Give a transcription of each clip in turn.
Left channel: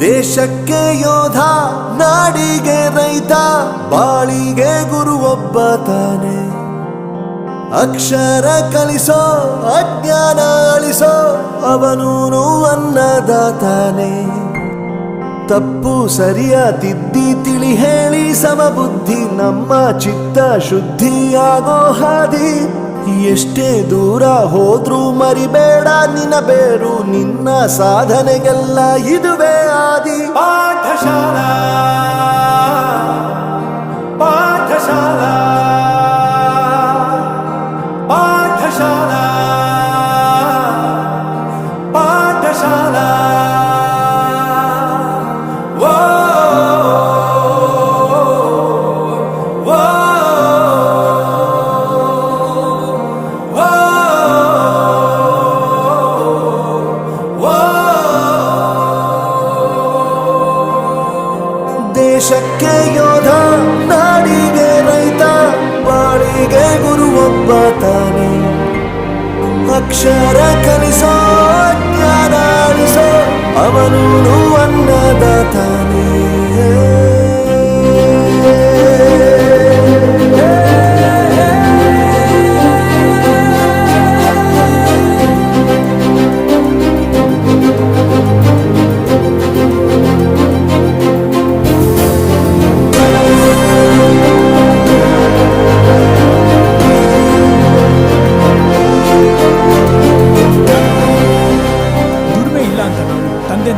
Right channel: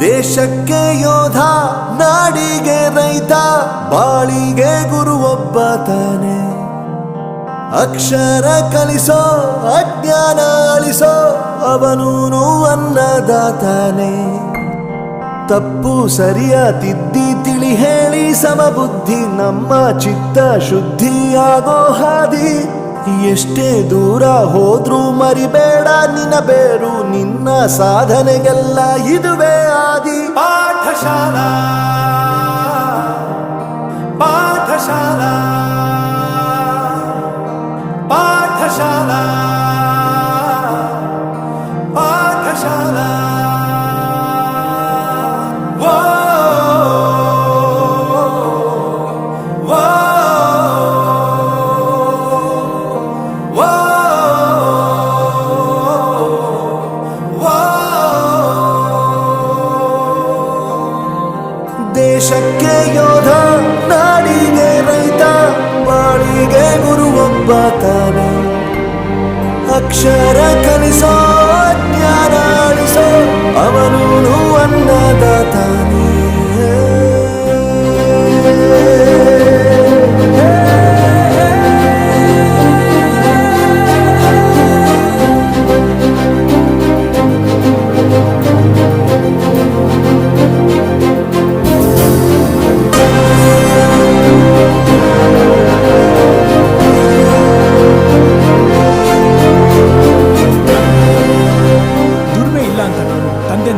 ದೇಶಕ್ಕೆ ಯೋಧ, ನಾಡಿಗೆ ರೈತ, ಬಾಳಿಗೆ ಗುರು ಒಬ್ಬ ತಾನೆ. ಅಕ್ಷರ ಕಲಿಸೋ, ಅಜ್ಞಾನ ಅಳಿಸೋ, ಅವನೂನು ಅನ್ನದಾತಾನೆ. ತಪ್ಪು ಸರಿಯ ತಿದ್ದಿ ತಿಳಿ ಹೇಳಿ ಸಮಬುದ್ಧಿ ನಮ್ಮ ಚಿತ್ತ ಶುದ್ಧಿಯಾಗೋ ಹಾದಿ. ಎಷ್ಟೇ ದೂರ ಹೋದ್ರೂ ಮರಿಬೇಡ ನಿನ್ನ ಬೇರು, ನಿನ್ನ ಸಾಧನೆಗೆಲ್ಲ ಇದುವೇ ಆದಿ. ಪಾಠಶಾಲಾ ಪಾಠಶಾಲಾ ಪಾಠಶಾಲಾ ಪಾಠಶಾಲಾ. ದೇಶಕ್ಕೆ ಯೋಧ, ನಾಡಿಗೆ ರೈತ, ಬಾಳಿಗೆ ಗುರು ಒಬ್ಬ ತಾನೆ. ಅಕ್ಷರ ಕಲಿಸೋ, ಜ್ಞಾನ ಅಳಿಸೋ, ಅವನೂನು ಅನ್ನದಾತಾನೆ.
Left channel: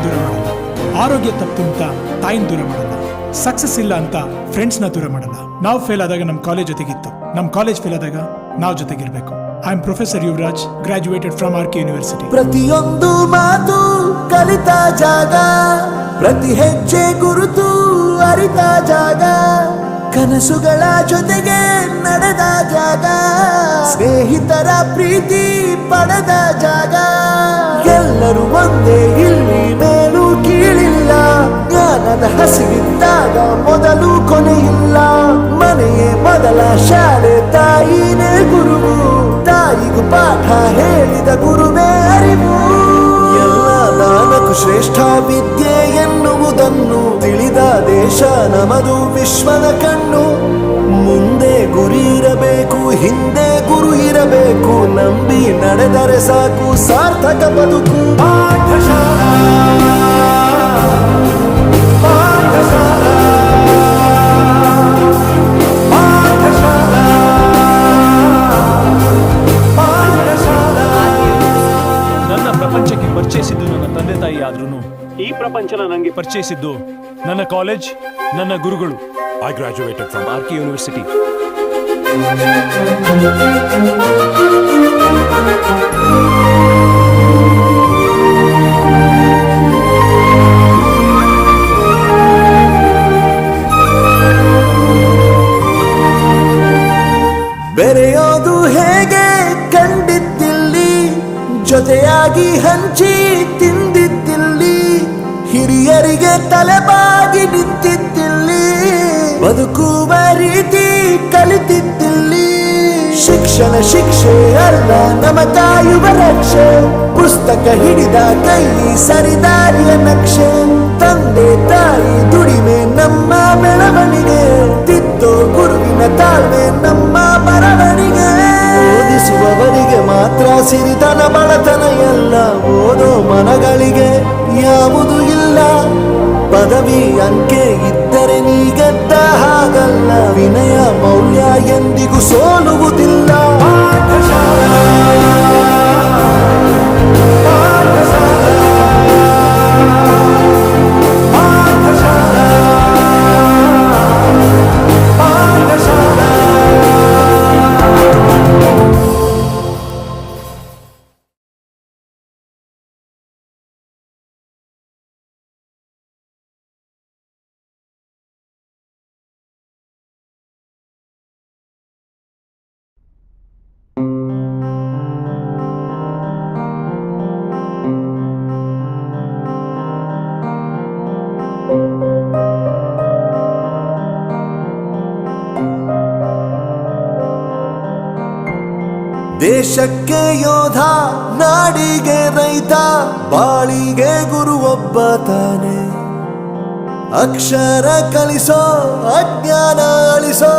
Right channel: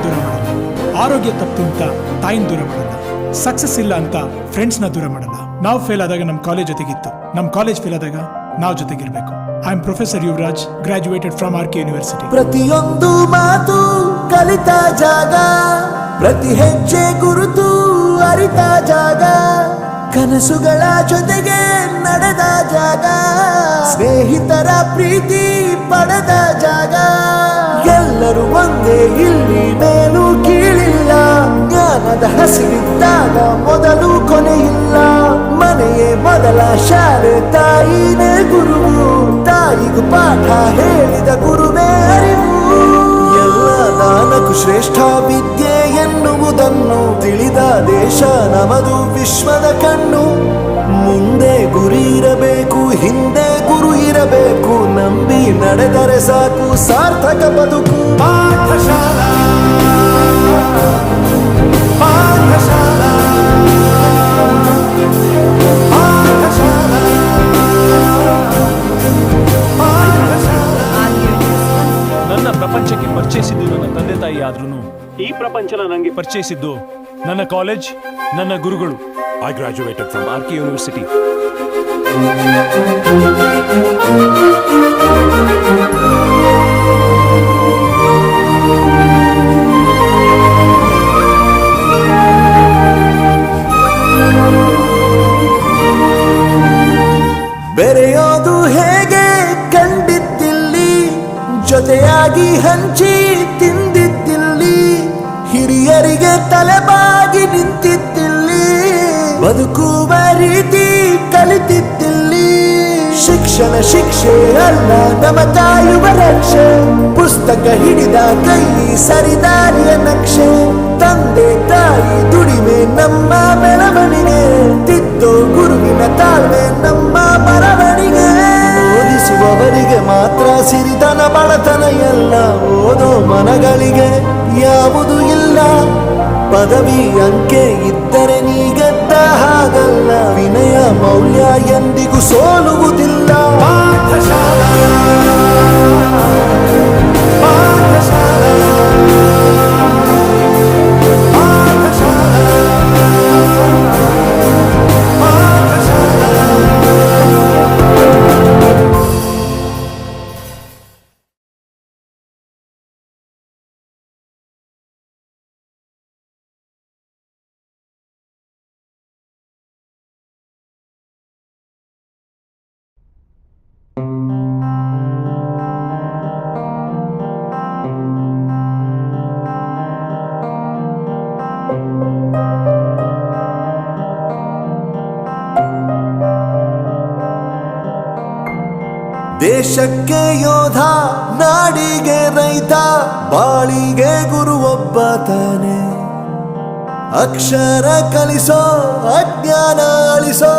ದೂರ ಮಾಡಲ್ಲ, ಆರೋಗ್ಯ ತಪ್ಪು ಅಂತ ತಾಯಿನ ದೂರ ಮಾಡಲ್ಲ, ಸಕ್ಸಸ್ ಇಲ್ಲ ಅಂತ ಫ್ರೆಂಡ್ಸ್ ನ ದೂರ ಮಾಡಲ್ಲ. ನಾವು ಫೇಲ್ ಆದಾಗ ನಮ್ಮ ಕಾಲೇಜ್ ಜೊತೆಗಿತ್ತು, ನಮ್ಮ ಕಾಲೇಜ್ ಫೇಲ್ ಆದಾಗ ನಾವು ಜೊತೆಗಿರ್ಬೇಕು. I am professor Yuvraj, graduated from R K university. ಪ್ರತಿಯೊಂದು ಮಾತು ಕಲಿತ ಜಾಗ, ಪ್ರತಿ ಹೆಜ್ಜೆ ಗುರುತು ಅರಿತ ಜಾಗ, ಕನಸುಗಳ ಜೊತೆಗೆ ನಡೆದ ಜಾಗ, ಸ್ನೇಹಿತರ ಪ್ರೀತಿ ಪಡೆದ ಜಾಗ. ಎಲ್ಲರೂ ಒಂದೇ, ಇಲ್ಲಿ ಮೇಲೂ ಕೀಳಿಲ್ಲ, ಜ್ಞಾನದ ಹಸಿವಿದ್ದಾಗ ಮೊದಲು ಕೊನೆಯಿಲ್ಲ. ಮನೆಯೇ ಮೊದಲ ಶಾಲೆ, ತಾಯಿನೇ ಗುರುವು, ತಾಯಿಗೂ ಪಾಠ ಹೇಳಿದ ಗುರುವೇ ಅರಿವು. ಎಲ್ಲ ದಾನಕ್ಕೂ ಶ್ರೇಷ್ಠ ವಿದ್ಯೆ ಎನ್ನುವುದನ್ನು ತಿಳಿದ ದೇಶ ನಮದು, ವಿಶ್ವದ ಕಣ್ಣು. ಮುಂದೆ ಗುರಿ ಇರಬೇಕು, ಹಿಂದೆ ಗುರು ಇರಬೇಕು, ನಂಬಿ ನಡೆದರೆ ಸಾಕು ಸಾರ್ಥಕ ಬದುಕು. ಪಾಠಶಾಲಾ ಪಾಠಶಾಲಾ ನನ್ನ ಪ್ರಪಂಚಕ್ಕೆ ಪರಿಚಯಿಸಿದ್ದು ನನ್ನ ತಂದೆ ತಾಯಿ ಆದ್ರೂ ಈ ಪ್ರಪಂಚನ ನನಗೆ ಪರಿಚಯಿಸಿದ್ದು ನನ್ನ ಕಾಲೇಜ್, ನನ್ನ ಗುರುಗಳು. I graduated from RK University. ಬೆರೆಯೋದು ಹೇಗೆ ಕಂಡಿದ್ದಿಲ್ಲಿ, ಜೊತೆಯಾಗಿ ಹಂಚಿ ತಿಂದಿದ್ದಿಲ್ಲಿ, ಹಿರಿಯರಿಗೆ ತಲೆಬಾಗಿ ನಿಂತಿದ್ದಿಲ್ಲಿ, ಬದುಕುವ ರೀತಿ ಕಲಿತಿದ್ದಿಲ್ಲಿ. ಶಿಕ್ಷಣ ಶಿಕ್ಷೆ ಅಲ್ಲ, ನಮ ಕಾಯುವ ರಕ್ಷೆ, ಪುಸ್ತಕ ಹಿಡಿದ ಕೈ ಸರಿದಾರಿಯ ನಕ್ಷೆ. ತಂದೆ ತಾಯಿ ದುಡಿಮೆ ನಮ್ಮ ಬೆಳವಣಿಗೆ, ತಿದ್ದೋ ಗುರುವಿನ ತಾಳ್ಮೆ ನಮ್ಮ ಬರವಣಿಗೆ. ಓದಿಸುವವರಿಗೆ ಮಾತ್ರ ಸಿರಿತನ ಬಡತನ ಎಲ್ಲ, ಓದೋ ಮನಗಳಿಗೆ ಯಾವುದು ಇಲ್ಲ. ಪದವಿ ಅಂಕೆ ಇದ್ದರೆ ನೀ ಗೆದ್ದ ಹಾಗಲ್ಲ, ವಿನಯ ಮೌಲ್ಯ ಎಂದಿಗೂ ಸೋಲುವುದಿಲ್ಲ. ದೇಶಕ್ಕೆ ಯೋಧ, ನಾಡಿಗೆ ರೈತ, ಬಾಳಿಗೆ ಗುರು ಒಬ್ಬ ತಾನೆ. ಅಕ್ಷರ ಕಲಿಸೋ ಅಜ್ಞಾನ ಅಳಿಸೋ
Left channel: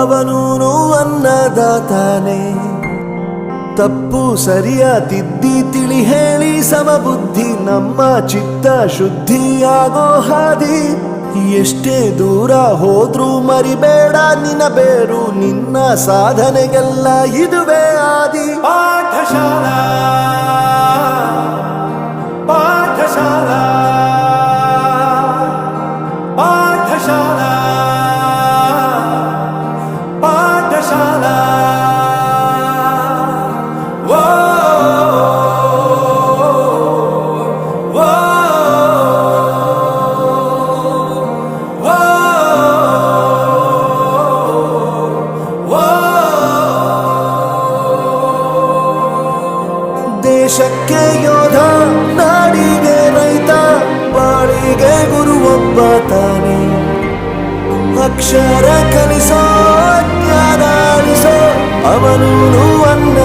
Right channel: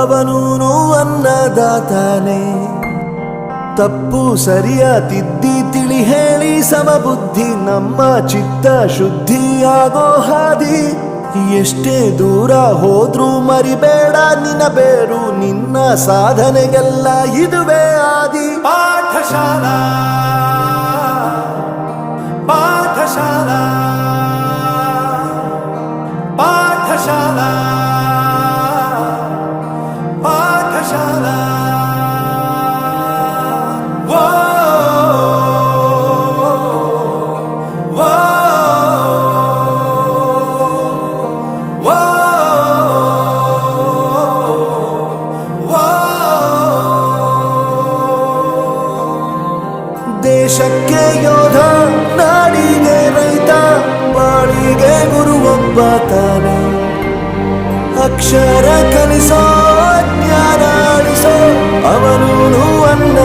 ಅವನೂನು ಅನ್ನದಾತಾನೆ. ತಪ್ಪು ಸರಿಯ ತಿದ್ದಿ ತಿಳಿ ಹೇಳಿ ಸಮಬುದ್ಧಿ ನಮ್ಮ ಚಿತ್ತ ಶುದ್ಧಿಯಾಗೋ ಹಾದಿ. ಎಷ್ಟೇ ದೂರ ಹೋದ್ರೂ ಮರಿಬೇಡ ನಿನ್ನ ಬೇರು, ನಿನ್ನ ಸಾಧನೆಗೆಲ್ಲ ಇದುವೇ ಆದಿ. ಪಾಠಶಾಲಾ ಪಾಠಶಾಲಾ ಪಾಠಶಾಲಾ ಪಾಠಶಾಲಾ. ದೇಶಕ್ಕೆ ಯೋಧ, ನಾಡಿಗೆ ರೈತ, ಬಾಳಿಗೆ ಗುರು ಒಬ್ಬ ತಾನೆ. ಅಕ್ಷರ ಕಲಿಸೋ ಅಜ್ಞಾನ ಅಳಿಸೋ ಅವನೂನು ಅನ್ನ